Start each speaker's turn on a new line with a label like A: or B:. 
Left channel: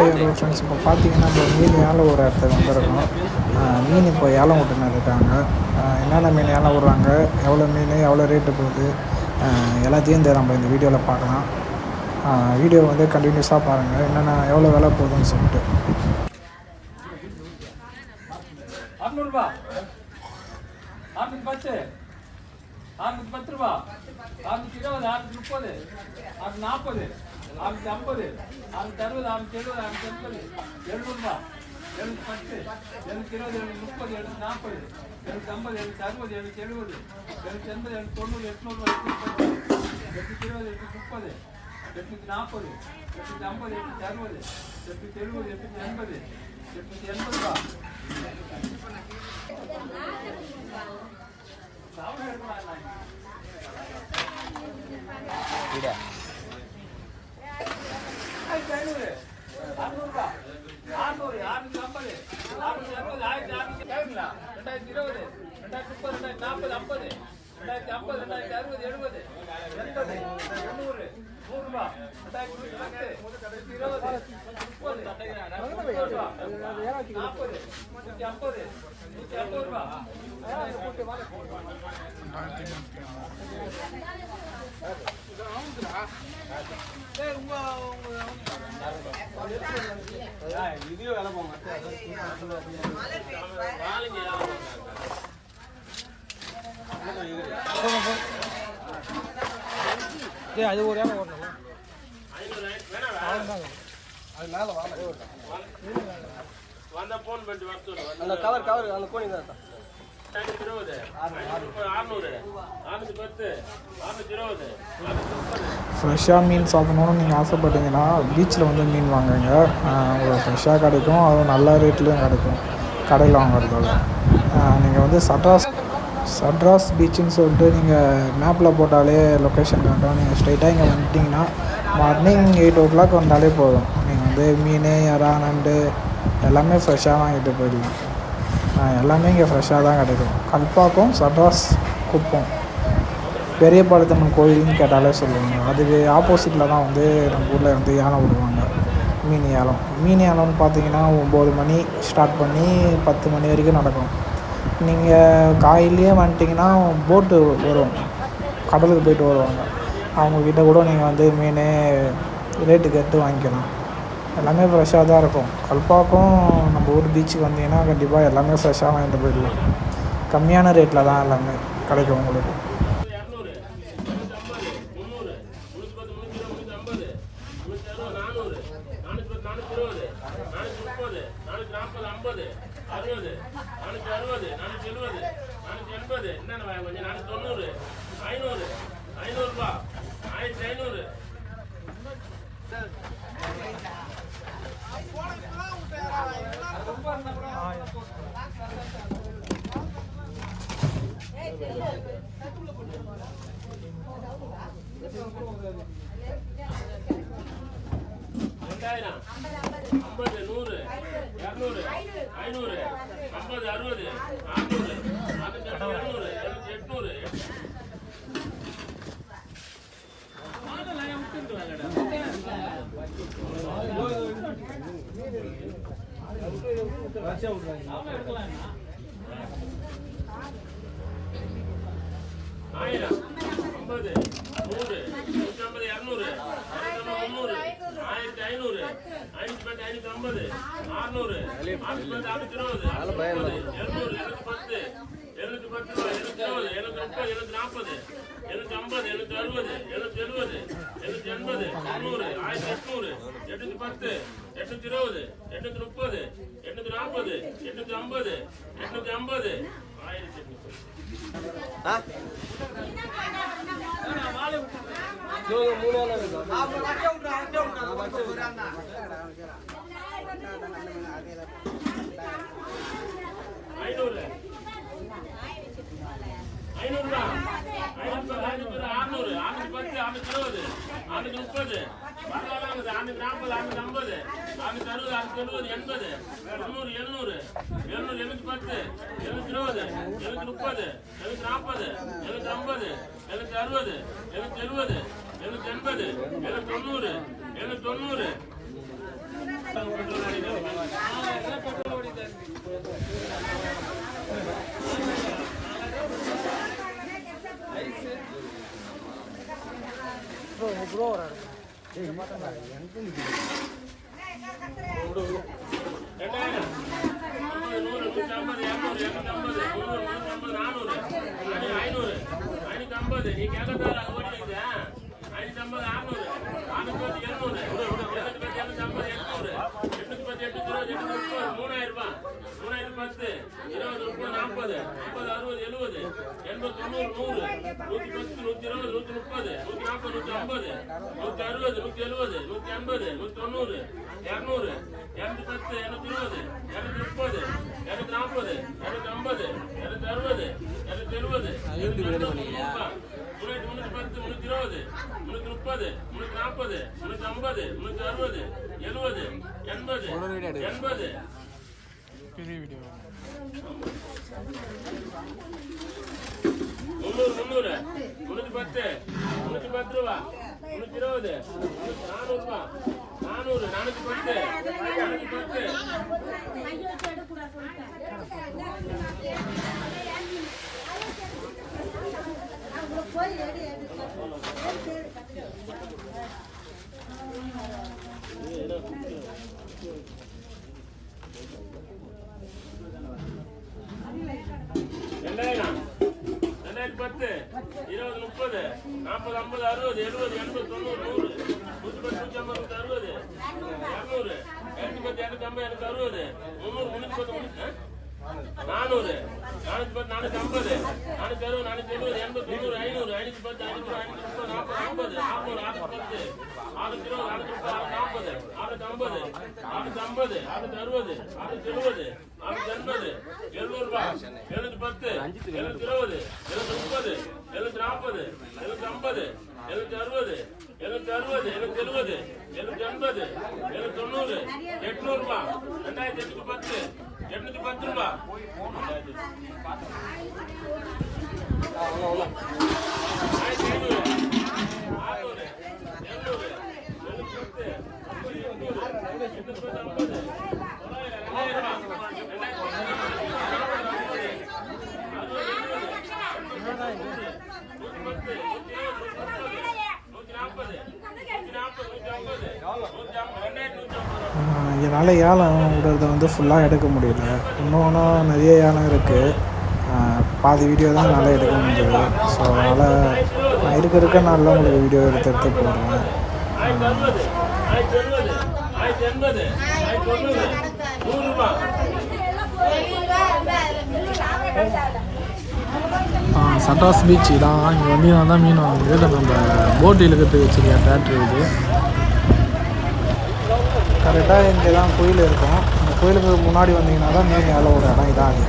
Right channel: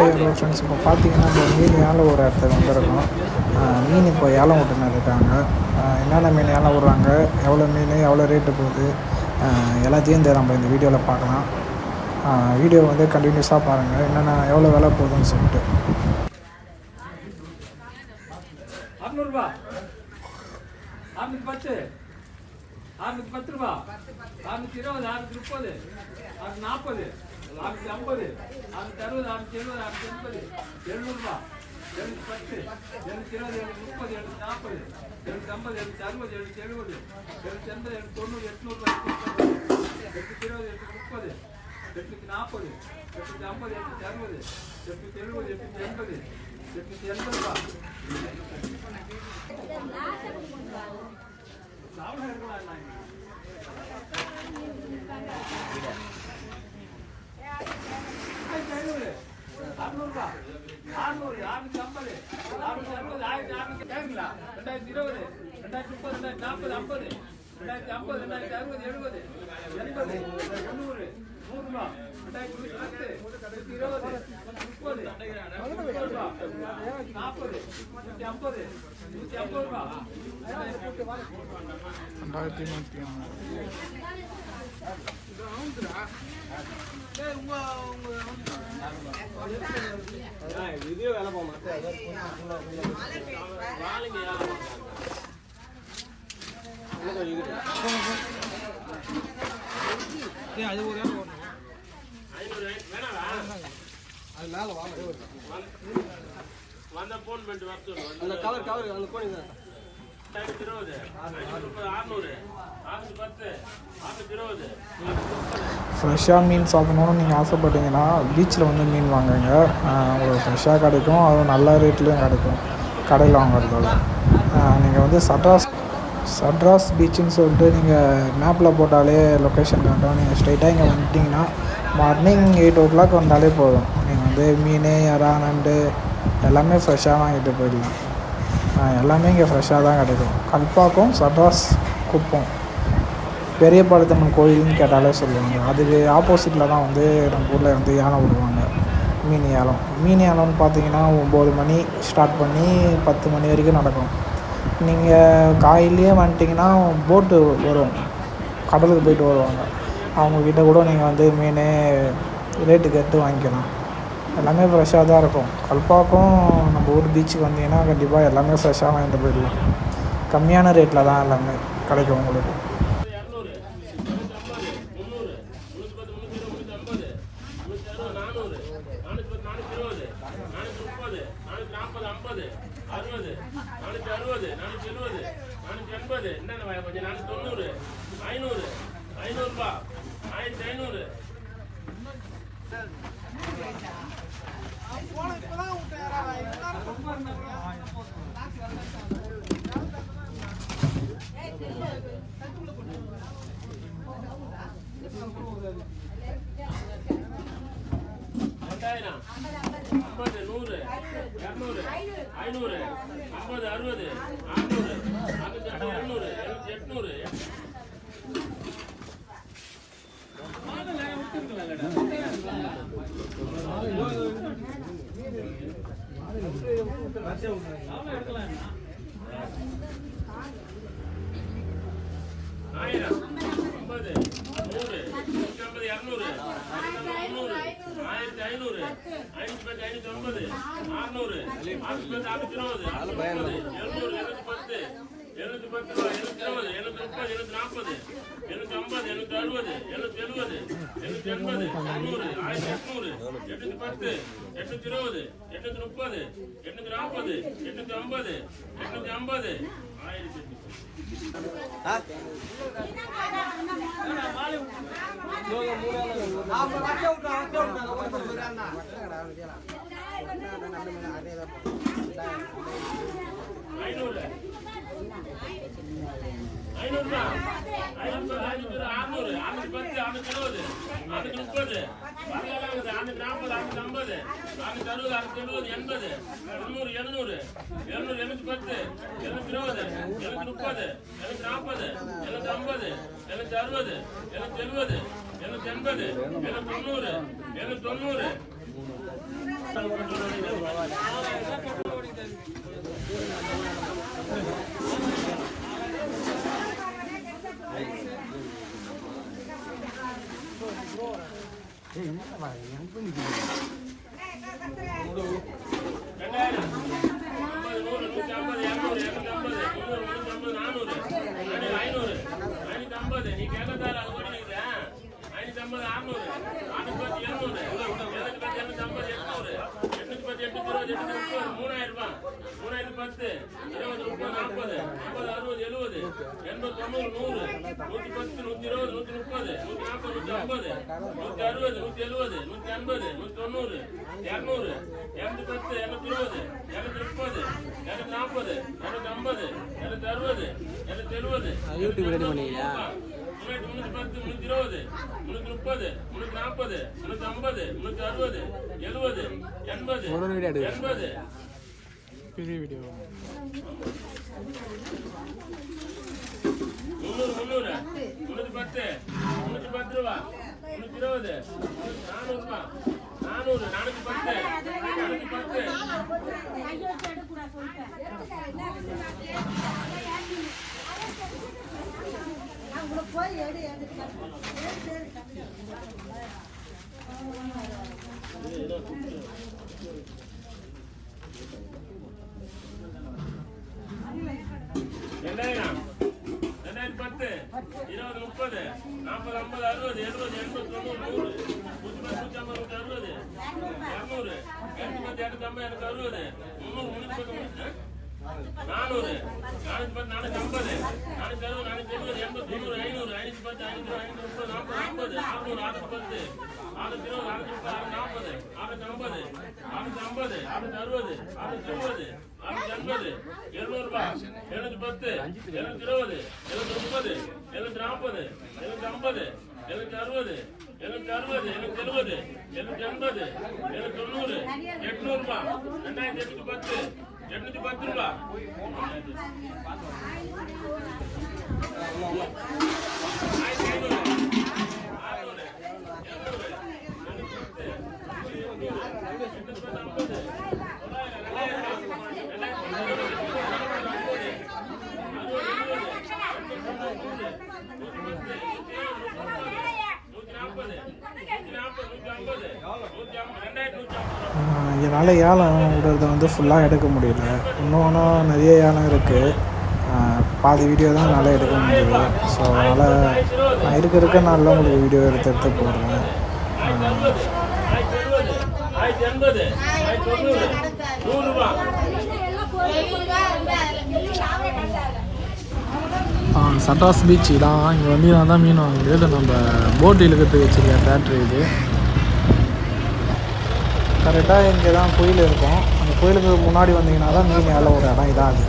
A: Hello friends இப்போ பார்த்தீங்கன்னா இப்போ மீன் ஏழை ஒரு இடத்துக்கு வந்திருக்கோம். மீன் இப்போ ஏலம் விட்டுன்னு இருக்காங்க. என்னென்ன மீன் ஏலம் விட்றாங்க எவ்வளோ மீன் எவ்வளோ ரேட்டு போகுது எல்லாத்தையும் இந்த நம்ம இந்த வீடியோவில் பார்க்கலாம். வீடியோ வந்து கண்டினியூஸாக பாருங்கள் என்னென்ன எவ்வளோ விலை போகுதுன்னு சொல்லிட்டு.
B: பத்து. ரூபா. இருபது முப்பது நாற்பது. அறுநூத்தி ஐம்பது அறுநூத்தி அறுபது அறுநூத்தி எழுபது அறுநூத்தி எண்பது. எழுநூறுபா எழுநூத்தி பத்து எழுநூத்தி இருபது எழுநூத்தி முப்பது எழுநூத்தி நாற்பது. எழுநூத்தி ஐம்பது எழுநூத்தி அறுபது எழுநூத்தி எழுபது. எழுநூத்தி எண்பது எழுநூத்தி தொண்ணூறு எட்நூறு எட்நூத்தி இருபது எட்நூத்தி முப்பது. எட்நூத்தி நாற்பது எட்நூத்தி ஐம்பது எட்நூத்தி அறுபது. எட்நூத்தி எழுபது எட்நூத்தி எண்பது எட்நூத்தி எண்பது ரூபா ஆயிரத்தி ஐநூறு அறுநூறுபா அறுநூறு அறுநூத்தி ஐம்பது அறுநூத்தி அறுபது ஆயிரத்தி அறுநூத்தி கேட்கலா ரெண்டாயிரத்தி இருபது ரெண்டாயிரத்தி முப்பது ரெண்டாயிரத்தி நாற்பது ஐம்பது ரெண்டாயிரத்தி ஐம்பது ரெண்டாயிரத்தி அறுபது எழுபது எண்பது முந்நூறு நூறுரூவா ரெண்டாயிரத்தி நூற்றி பத்து இருபது முப்பது முப்பது ரூபா நூற்றி ஐம்பது ரூபா
A: ரெண்டாயிரத்தி நூற்றி
C: அந்த கவர் கவர் அந்த கோணி தான்
A: ஃப்ரெஷ்ஷாக மீன் சாப்பிடணும்னு நீங்கள் ஆசைப்பட்டீங்கன்னா பீச்சில் வந்து மீன் வாங்குங்க. உங்களுக்கு ஃப்ரெஷ்ஷாக கிடைக்கும். அதுவும் நல்ல ரேட்லேயும் கிடைக்கும். கடையில் வாங்குறதோட நீங்கள் வந்து சட்ராஸ் சட்ராஸ் பீச்சுன்னு சொல்லிட்டு நீங்கள் மேப்பில் போட்டாலே லொக்கேஷன் காட்டும் நீங்கள் ஸ்ட்ரைட்டாக இங்கே வந்துட்டிங்கன்னா மார்னிங் எயிட் ஓ கிளாக் வந்தாலே போதும். நீங்கள் வந்து மீன் இறா நண்டு எல்லாமே ஃப்ரெஷ்ஷாக வாங்கிட்டு போயிடலாம். எல்லாமே இங்கே ஃப்ரெஷ்ஷாக தான் கிடைக்கும். கல்பாக்கம் சட்ராஸ் குப்பம். பெரிய பாளையத்தம்மன் கோயில்னு கேட்டாலே சொல்லுவாங்க. அதுக்கு ஆப்போசிட்டில் தான் வந்து நம்ம ஊரில் வந்து யானை விடுவாங்க. மீன் ஏலம் மீன் ஏலம்னு பார்த்தீங்கன்னா ஒம்பது மணி ஸ்டார்ட் பண்ணி பத்து மணி வரைக்கும் நடக்கும். நீங்கள் காலையிலேயே வந்துட்டிங்கன்னா போட்டு வரும். கடலுக்கு போயிட்டு வருவாங்க. அவங்கக்கிட்ட கூட நீங்கள் வந்து மீன் ரேட்டு கேட்டு வாங்கிக்கலாம். எல்லாமே ஃப்ரெஷ்ஷாக தான் இருக்கும். கல்பாக்கம் நம்ம ஊர் பீச்சுக்கு வந்தீங்கன்னா கண்டிப்பாக எல்லாமே ஃப்ரெஷ்ஷாக வாங்கிட்டு போயிடலாம். கம்மியான ரேட்டில் தான் எல்லாமே கிடைக்கும் உங்களுக்கு.
B: கொஞ்சம் ஐநூறு ஐநூறுபா ரெண்டாயிரம் ஐம்பது நூறு இரநூறு ஐநூறு ஐம்பது அறுபது அறுநூறு அறுநூத்தி ஐம்பது எழுநூறு எழுநூத்தி எட்நூறு ஆயிரம் ஐம்பது நூறு நூற்றி ஐம்பது இரநூறு முந்நூறு ஆயிரத்தி ஐநூறு ஐநூத்தி பத்து ஐநூத்தி ஐம்பது அறுநூறு அறுநூத்தி பத்து அறுநூத்தி இருபது எழுநூறு எழுநூத்தி பத்து எழுநூத்தி பத்து எழுநூத்தி இருபது எழுநூத்தி முப்பது எழுநூத்தி நாற்பது எழுநூத்தி ஐம்பது எழுநூத்தி அறுபது எழுநூத்தி எண்பது தொண்ணூறு ஆயிரத்தி எட்நூறு எட்நூத்தி பத்து எட்நூத்தி இருபது எட்நூத்தி முப்பது எட்நூத்தி நாற்பது எட்நூத்தி ஐம்பது எட்நூத்தி ஐம்பது ஆயிரத்தி ஐநூறு ஐநூறுபா ஐநூறு ஐநூறு அறுநூறு அறுநூத்தி பத்து ஆறுநூத்தி இருபது அறுநூத்தி முப்பது. பரவாயில்ல அறுநூத்தி நாற்பது அறுநூத்தி ஐம்பது. அறுநூத்தி அறுபது அறுநூத்தி எழுபது எண்பது. தொண்ணூறு எழுநூறு. எழுநூறு எழுநூத்தி பத்து. எழுநூத்தி இருபது. எழுநூத்தி முப்பது. எழுநூத்தி நாற்பது. எழுநூத்தி ஐம்பது. எழுநூத்தி அறுபது. எழுநூத்தி எழுபது. எழுநூத்தி எண்பது. எழுநூத்தி தொண்ணூறு. எழுநூத்தி தொண்ணூறு. ஐநூறு ஐநூத்தி ஐம்பது. நீ கேட்ட ஐநூத்தி ஐம்பது அறுநூறு. பத்து இருபது முப்பது நாற்பது ஐம்பது அறுபது எழுபது எண்பது தொண்ணூறு நூறு நூற்றி பத்து நூற்றி இருபது நூற்றி முப்பது நூற்றி நாற்பது நூற்றி ஐம்பது நூற்றி அறுபது நூற்றி எழுபது நூற்றி ஐம்பது நூற்றி தொண்ணூறு இரநூறு இரநூத்தி பத்து இரநூத்தி இருபது இரநூத்தி முப்பது இரநூத்தி நாற்பது இரநூத்தி ஐம்பது இரநூத்தி அறுபது இரநூத்தி எழுபது முன்னூற்றி பத்து முன்னூற்றி இருபது முன்னூற்றி முப்பது முன்னூற்றி நாற்பது முன்னூற்றி ஐம்பது முன்னூற்றி அறுபது எழுபது எண்பது எண்பது
A: பெரிய வீடியோ
B: முந்நூறு முந்நூறு எடு எழுபது எழுபது எண்பது தொண்ணூறு நூறு. நூற்றி பத்து நூற்றி ஐம்பது நூற்றி அறுபது. இரநூறு இரநூத்தி பத்து இரநூத்தி ஐம்பது இரநூத்தி அறுபது. முந்நூறு முந்நூற்றி பத்து நானூறு. நானூற்றி பத்து நானூத்தி ஐம்பது. நானூத்தி அறுபது நானூத்தி எழுபது எண்பது தொண்ணூறு ஐநூறு. ஐநூத்தி பத்து ஐநூறு ஐநூத்தி முப்பது நாற்பது ஐம்பது. நானூறு ஆறுநூத்தி பத்து. ஆறுநூத்தி இருபது ஆறுநூத்தி முப்பது ஆறுநூற்றி நாற்பது ஆறுநூற்றி ஐம்பது. ஆறுநூத்தி ஐம்பது. ஆறுநூத்தி அறுபது. ஆறுநூத்தி எழுபது ஆறுநூற்றி எண்பது. எழுநூறு ரூபாய் எழுநூற்றி பத்து. எழுநூத்தி இருபது. எழுநூத்தி முப்பது. எழுநூத்தி நாற்பது. எழுநூத்தி ஐம்பது. எழுநூற்றி அறுபது எழுநூற்றி அறுபது எழுநூற்றி எழுபது எழுநூற்றி எண்பது எழுநூற்றி தொண்ணூறு எட்நூறு ரூபாய் ரெண்டாயிரத்தி எட்நூத்தி பத்து எட்நூத்தி பத்து ரூபாய் ஆயிரத்தி ஐநூறு அறுநூறு எழுநூறு எழுநூத்தி பத்து ஐம்பது எட்நூறு எட்நூத்தி பத்து ஐம்பது தொள்ளாயிரம் ரெண்டாயிரம் ரூபாய் ரெண்டாயிரத்தி ஐநூறு ஐம்பது அறுபது எழுபது எண்பது தொண்ணூறு நூறு நூற்றி பத்து நூற்றி இருபது நூற்றி முப்பது நூற்றி நாற்பது நூற்றி நாற்பது நூற்றி ஐம்பது நூற்றி ஐம்பது ரெண்டாயிரத்தி நூற்றி இதனால்
A: என்னால் ஏலம் விடுறத வந்து ஃபுல்லாக எடுக்க முடியல. இன்னொன்றும் நிறைய ஏலம் இருக்குது பாதி வீடியோ தான் என்னால் எடுக்க முடியுது ஸோ அதனால் நான் இருக்க இருக்க நாளில் உங்களுக்கு வீடியோ எடுத்து எடுத்து போடுறேன்.
B: சட்டாஸ்
A: பீச்சு பீச் தான். இங்கே வந்தீங்கன்னா தான் மீன் வாங்க இல்லை நம்ம போட் இழுக்கிறதுக்கு வச்சுருக்க தேட்ரு இது. கரெக்டாக இங்கே தான் கோயில் இருக்கும். அந்த கோயிலுக்கு முன்னாடி வந்தீங்கன்னா தான் மீன் ஏழை ஒரு இடம் இதான் அது